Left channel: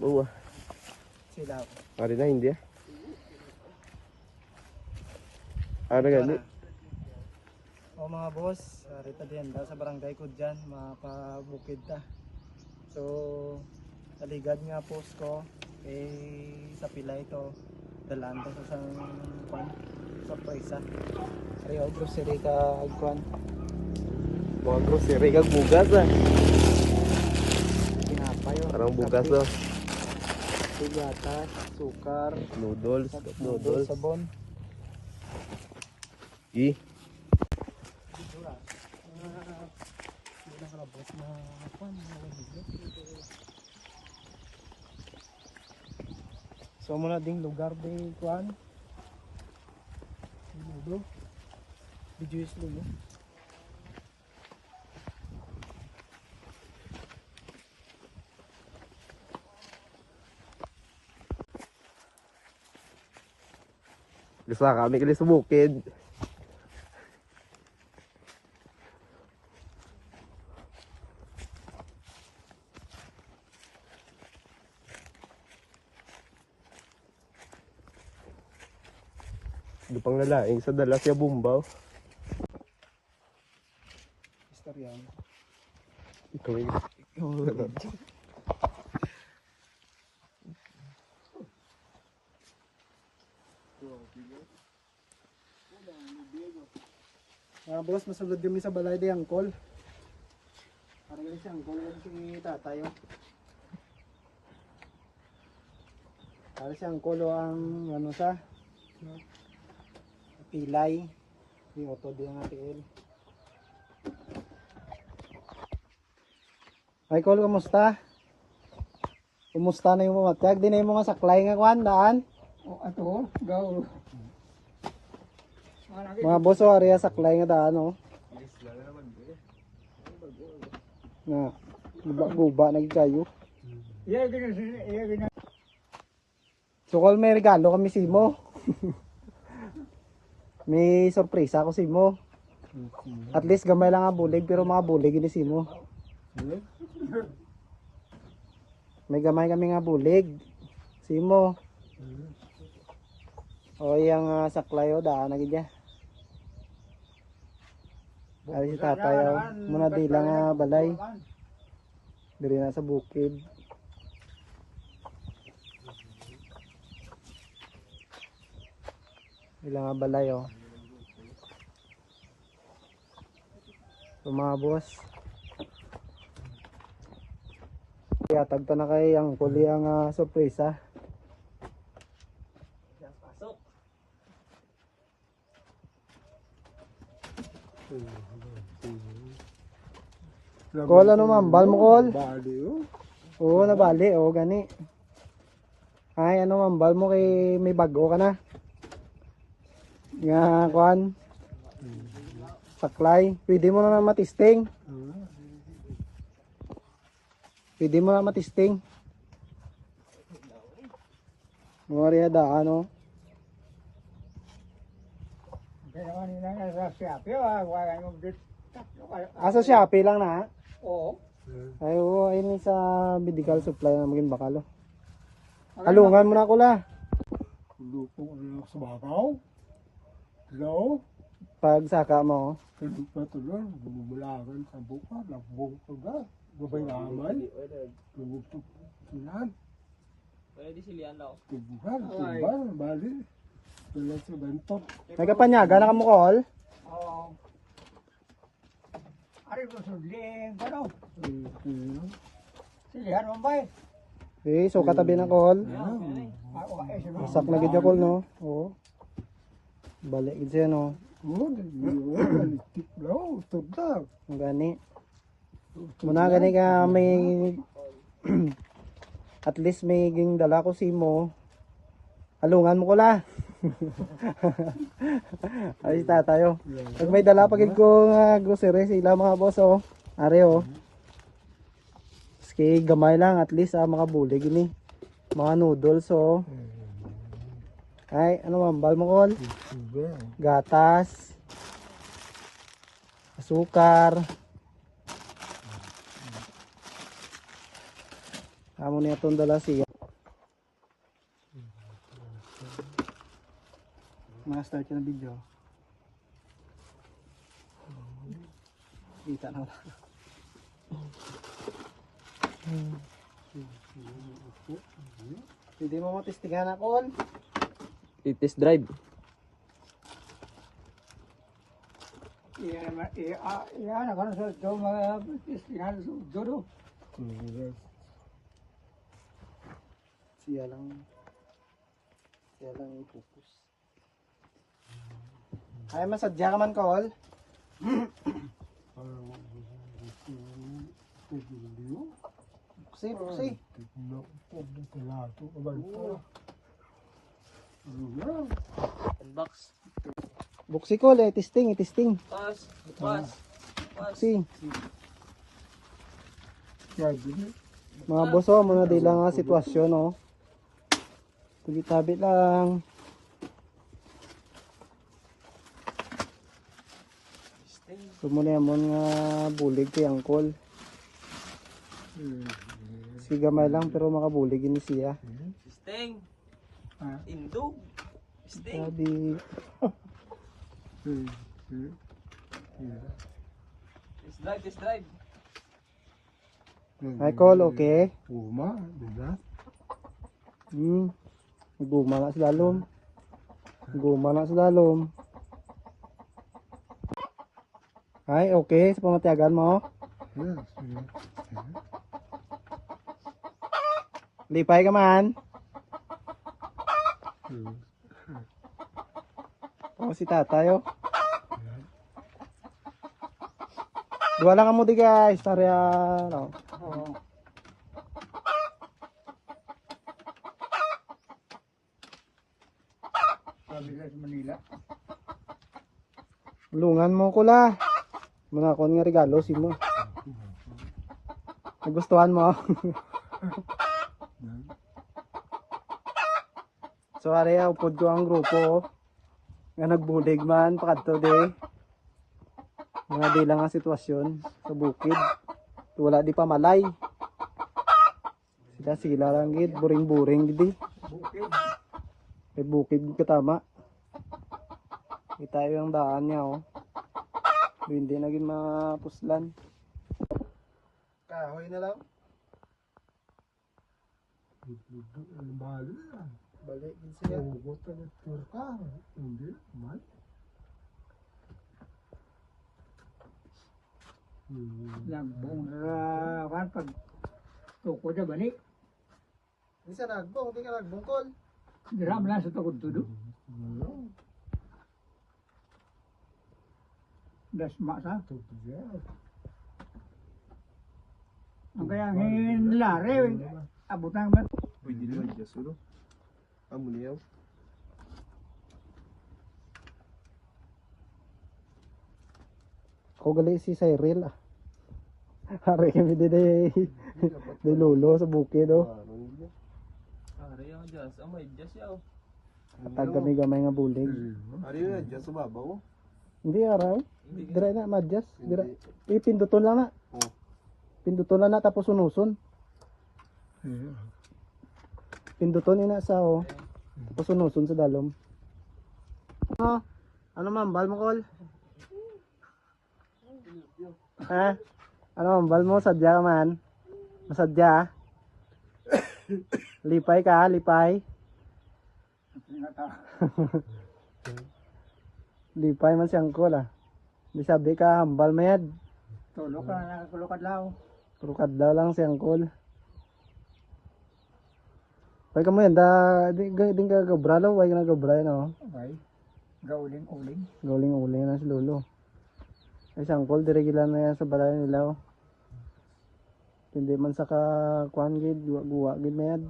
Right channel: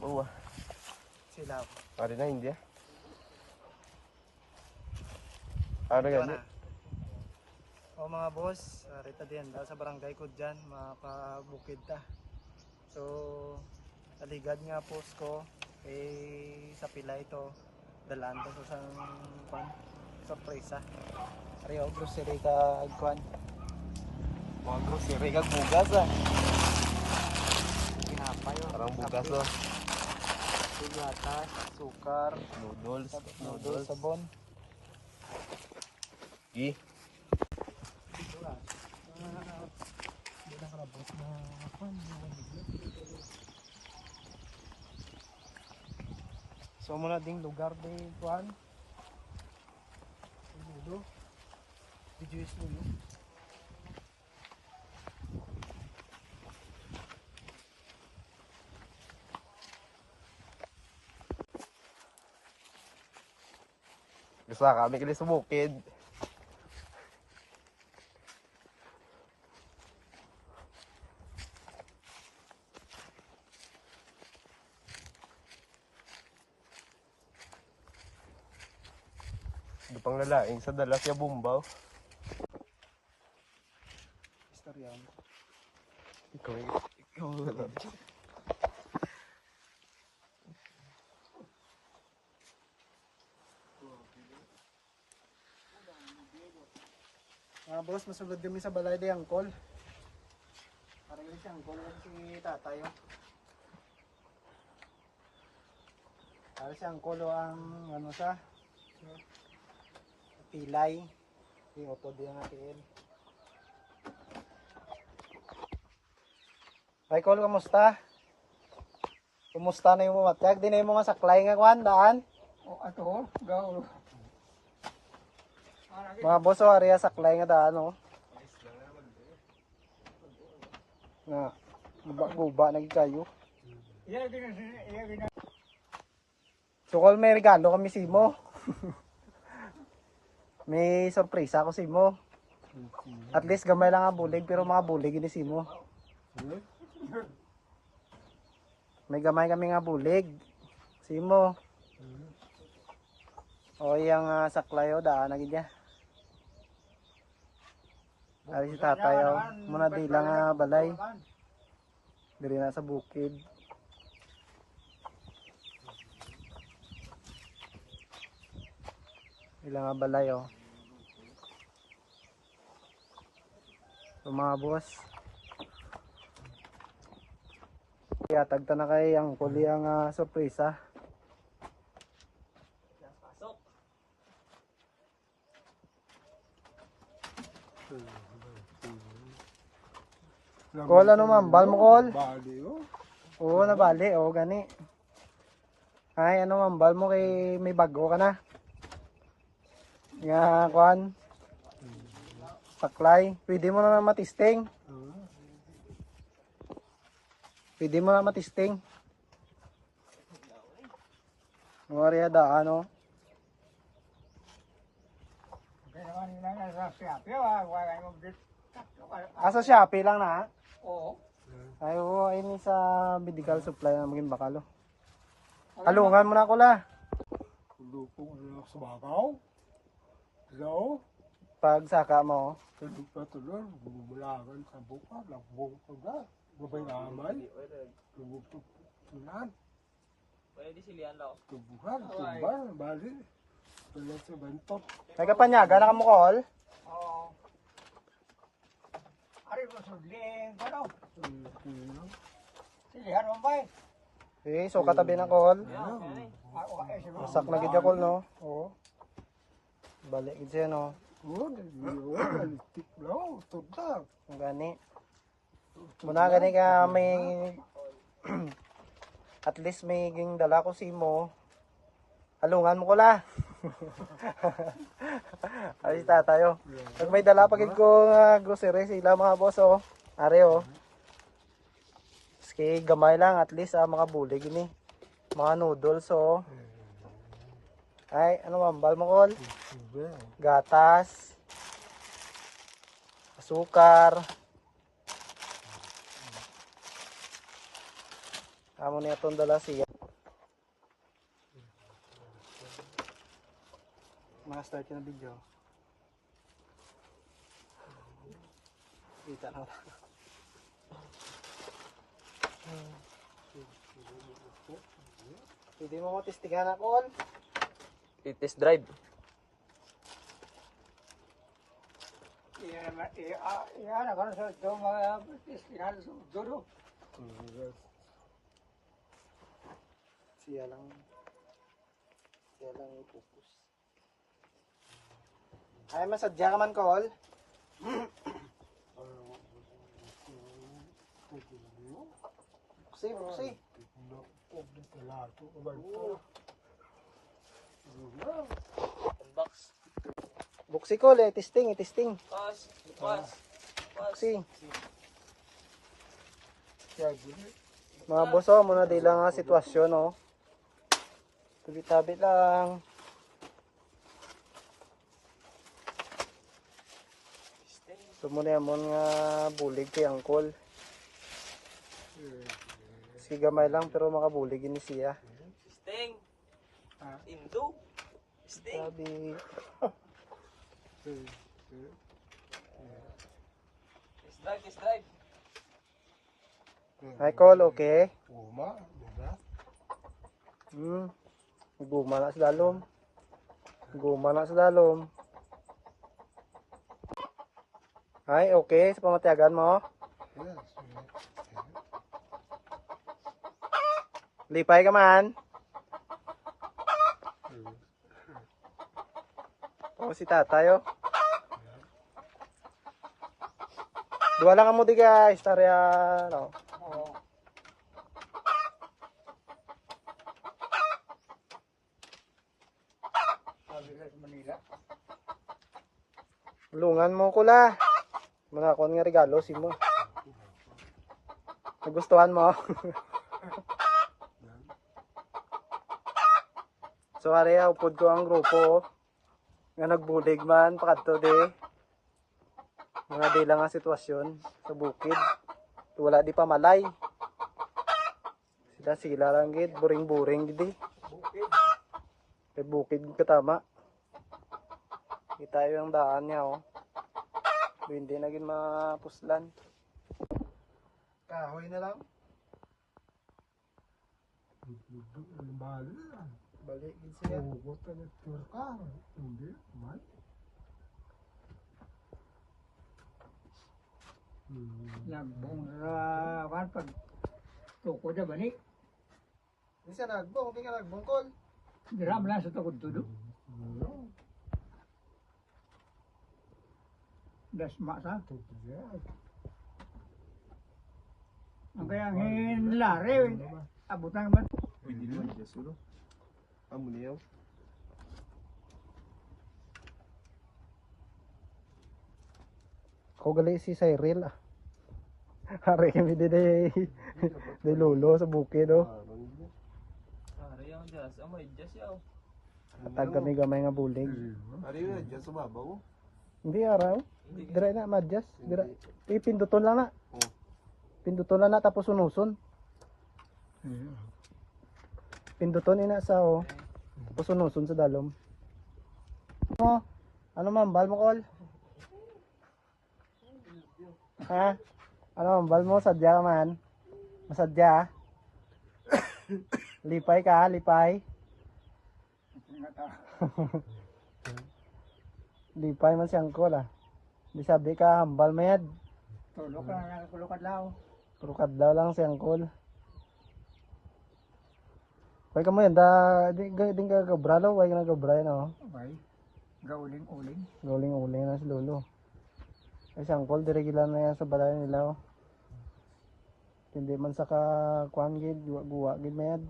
Buwa. Sila. Ari na hindi. Ano gani? O mga boss, rita din sa barangay ko dyan, mapabukid ta. So, taligad nga post ko, sa pila ito, dalaan ko sa pan, surprise. Ayo, grocery ka agkuan. Mga grocery kag bugas ah. Pinapay o. Parang bugas no. Gatas, sukar, Noodles. sabon. I. So muna ding lugar di kuan. Dito. Di juice dulu. Gusto kami kali sa bukid. Dupang lalaing sa dala siya bumbaw. Istoryan. Ikaw yun. Mga boss, masugod kami sa balay di angkol. Parang ganun si angkol lang si tatay. Parang si angkol ang ano sa pilay. Di auto di ang ATL. Ay kol, kamusta? Kumusta na yung mamatag? Di na yung mga saklay nga kuhan, daan? O ato, gaw. Mga boss, o area saklay nga daan, o. Na, guba nagkayo. So kol, may regalo kami si mo. May sorpresa ako si mo. At least gamay lang nga bulig, pero mga bulig ini si mo. May gamay kami nga bulig. Si mo. O yang saklay o daan lagi dia. Ari si tatay o. Muna di lang balay. Diri na sa bukid. Ilang balay o. So mga boss. Kaya tagta na kay ang kuli ang sorpresa. Kol ano mambal mo kol? Bali oh. Oo nabali o gani. Ay ano mambal mo kay may bago ka na. Nga kuan. Saklay. Pwede mo na matisting. Pwede mo na matisting. Mga daan o. Asa Shopee lang na? Oo. Ay oo, ayun sa medical supply na maging bakalo. Talungan mo na ko la. Lupo na sa bakaw. Hello? Pag saka mo. Patuloy, bumulagan sa buka, nagbuto na. Gubay namay. Tumutok sinan. Pwede silihan daw. Tubuhan, tubuhan, bali. Tuloy sa bentot. Nagapanyaga na ka mo kol? Oo. Ari ko sudling ko no. Silihan mo ba? Eh, so katabi na kol. Masak na gid kol no. Oo. Balik gid siya no. Yun, tiplaw, tudag. Ang gani. Muna gani ka may at least may ging dala ko si mo. Alungan mo ko la. Ay tatayo. Pag may dala pagid ko grocery sila mga boss oh. Are oh. Sige gamay lang at least makabulig ini. Mga noodles oh. Ay ano mambal mo kol? Gatas. Sukar. Amo niya itong dala siya. Mga start ng video. Kita na. Hindi mo matistingan ako. Test drive. Yan, ako na sa ito, mga yan, dodo. Siya lang i-focus. Ay, masadya ka man, Col. Buksi. Box. Buksi, Col, testing. Pas. Pas. Buksi. Mga boso, muna di lang ang sitwasyon, oh. Tabi-tabi lang. So muna yan nga bulig kay Angkol. Sigamay lang pero makabulig ini siya. Sting. Ah. Indog. Sting. Sabi. Test drive. Michael, okay? Tuma, diba? Guma na sa lalom. Ay, okay. Sa pamatiagan mo. Lipay ka man. O, si tatay, oh. Dua lang mo di guys. Tarya. Manila. Lungan mo ko la. Mga kon nga regalo si mo. Nagustuhan mo. So area upod ko ang grupo. Nga nagbulig man pakadto de. Mga di lang ang sitwasyon sa bukid. Wala di pa malay. Sila lang gid, buring-buring gid. May bukid katama. Kita yung daan niya, oh. Hindi naging mapuslan. Kahoy na lang. Balik din siya. Hindi, man. Nagbong na kan pag tuko na balik. Hindi siya nagbong, hindi ka nagbungkol. Diram lang sa tukod tudo. Dasma sa. Ang kaya ngin lare, abutan ba? Pwede naman dyan solo. Amuliyaw. Ako gali si Cyril, ah. Hari kami de lulo sa bukid, oh. Ari ang jazz. Oh, may jazz yaw. Katag kami gamay nga bulig. Ari yun na dyan sa babaw. Hindi araw. Dira na madjas. Dira. Pinduton lang na. Oh. Pinduton lang na tapos unuson. Pinduton ina sa oh. Tapos unuson sa dalom. Oh, ano mambal mo kol? Ha? Ano mambal mo sadya ka man? Masadya? Lipay ka, lipay. Lipay man siyang kol ah. Di sabi ka hambal mayad. Tulok ka, tulok adlaw. Turukad daw lang siyang kol. Why ka mo yan, di ka gabralo, why ka na gabray no? Okay. Gauling-uling. Guling-uling na si Lolo. Ay siyang kol, diregilan na yan sa balay nila oh. Hindi man sa kakuan gid, guwa gid mayad.